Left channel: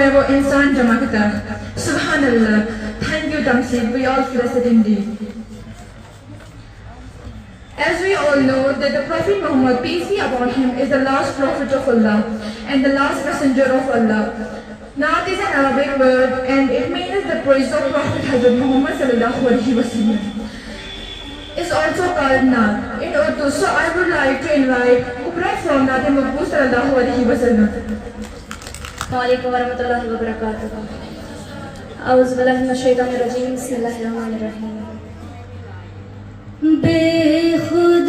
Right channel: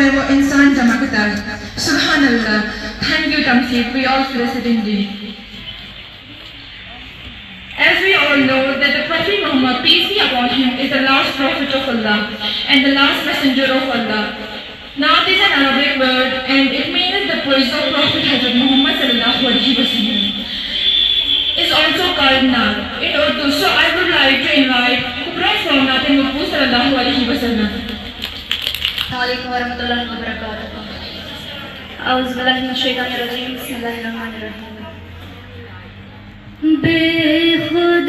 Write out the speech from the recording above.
में वो इंसान चमकता। सुभान अल्लाह। Thank you, Tamsheed. We all blessed indeed. As we all know that the Prophet Muhammad, peace be upon him, is the last prophet of Allah and the last messenger of Allah. Naat is an Arabic word and it means the praise of Prophet Hazrat Muhammad sallallahu alaihi wasallam. Is also called Naat in Urdu. So I would like to invite Kubra from Naat Maqbool sallallahu alaihi wasallam. Assalamualaikum warahmatullahi wabarakatuh. Auzubillahi minasyaitonirrajim. Bismillahirrahmanirrahim. बेखुद